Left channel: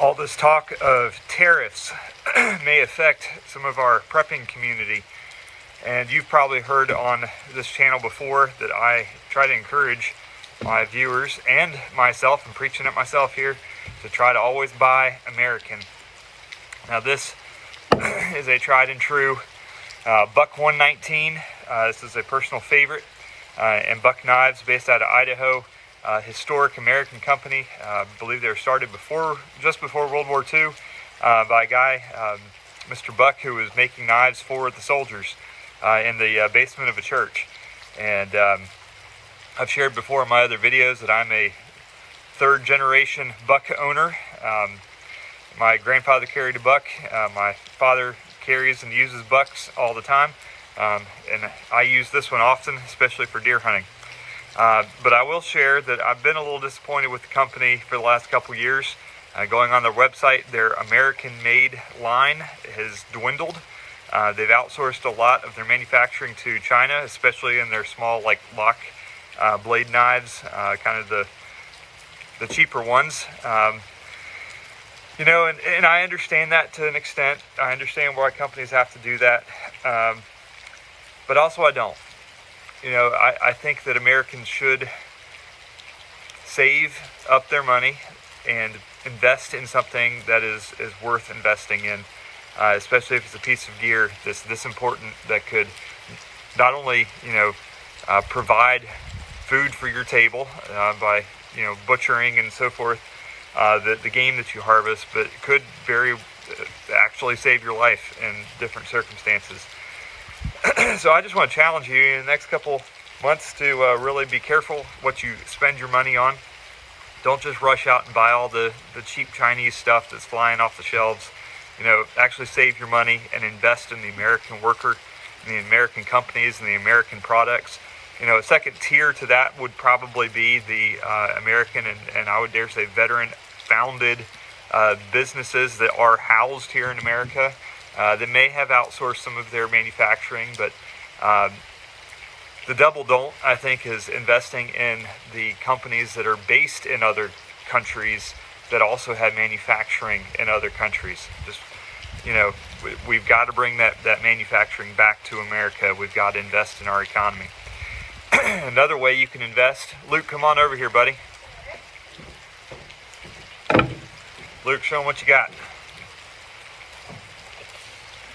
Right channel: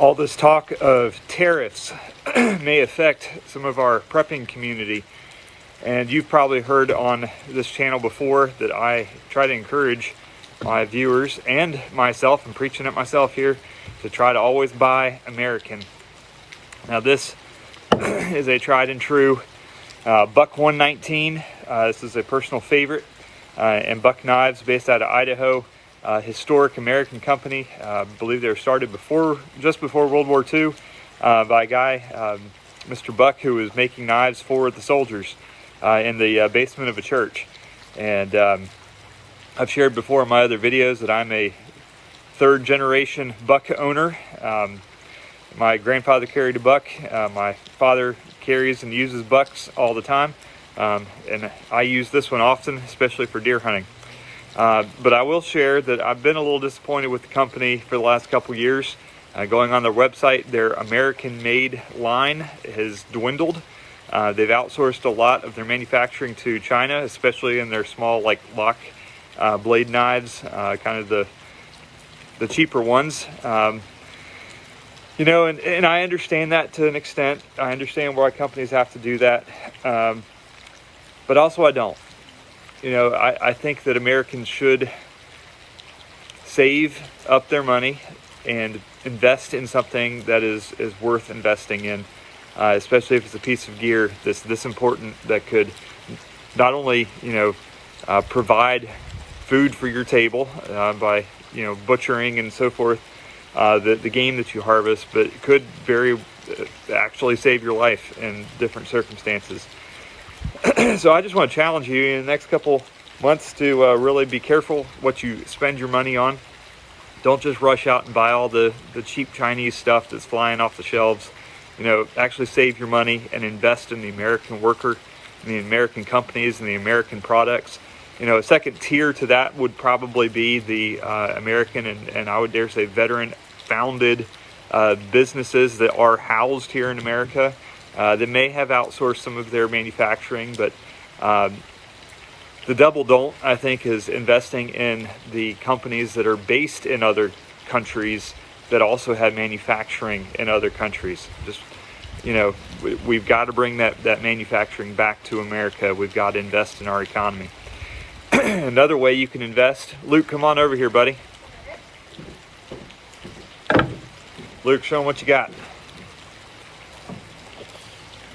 All this talk of tariffs may affect some of our prepping community. And you've probably heard on this channel before that I try to encourage my viewers and myself, I'm preaching it myself here, to try to always buy American. Now this is a tried and true Buck 119. This is a personal favorite. And Buck Knives, based out of Idaho. Historic American company. I believe they were started just before World War II by a guy, Mr. Buck, who was making knives for the soldiers in the basement of a church. And I've shared before in my other videos that I'm a third generation Buck owner. My grandfather carried a Buck. My father carries and uses Bucks all the time. And I use this one often, especially for deer hunting. But I will share that I've been a little disappointed with the company for the last couple years. Going on their website, their American-made line has dwindled. They've outsourced a lot of their manufacturing to China, especially in their small, like lock blade knives, kind of the cheaper ones. You know, and I understand that to an extent. I understand why companies have to do that, but also I don't. You know, I think that Americans should save up their money and invest in something that is worth investing in, especially if it's a piece of gear this important that could not only, you know, provide food for your table by, you know, butchering and so forth, the game that you harvest, but it could actually save your life in different circumstances. So I just want to challenge you in the next couple months to really be careful what you spend your money on. Don't just rush out and buy all the cheap Chinese stuff that's flying off the shelves. You know, actually save your money and invest in the American worker, and the American companies and the American products. You know, a second tier to that would probably be the American and I would dare say veteran-founded businesses that are housed here in America. They may have outsourced some of their manufacturing, but the double don't, I think, is investing in the companies that are based in other countries that also have manufacturing in other countries. Just, you know, we've got to bring that manufacturing back to America. We've got to invest in our economy. Another way you can invest, Luke, come on over here, buddy. Luke, show them what you got.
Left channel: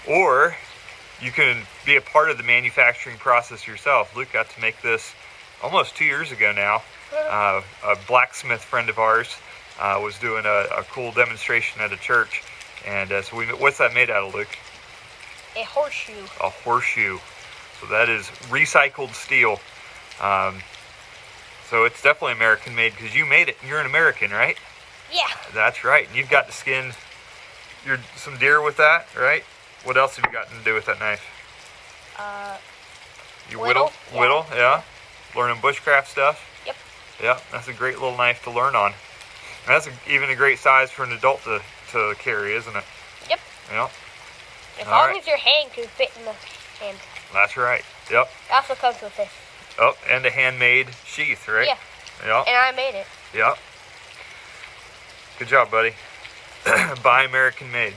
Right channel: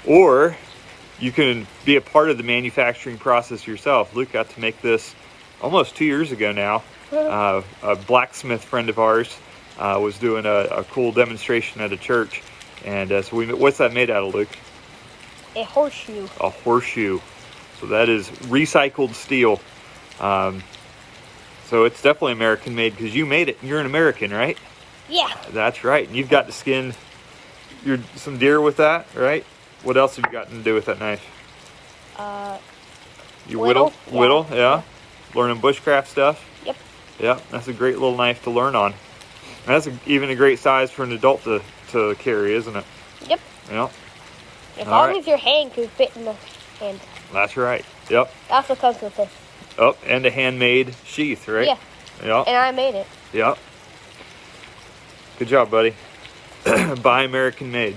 Or you can be a part of the manufacturing process yourself. Luke got to make this almost 2 years ago now. A blacksmith friend of ours was doing a cool demonstration at a church. And so what's that made out of, Luke? A horseshoe. A horseshoe. So that is recycled steel. So it's definitely American made because you made it. You're an American, right? Yeah. That's right. And you've got to skin some deer with that, right? What else have you gotten to do with that knife? You whittle? Whittle, yeah. Learning bushcraft stuff? Yep. Yeah, that's a great little knife to learn on. And that's even a great size for an adult to carry, isn't it? Yep. Yep. As long as your hand can fit in the hand. That's right. Yep. That's what comes with it. Oh, and a handmade sheath, right? Yeah. Yep. And I made it. Yep. Good job, buddy. Buy American made.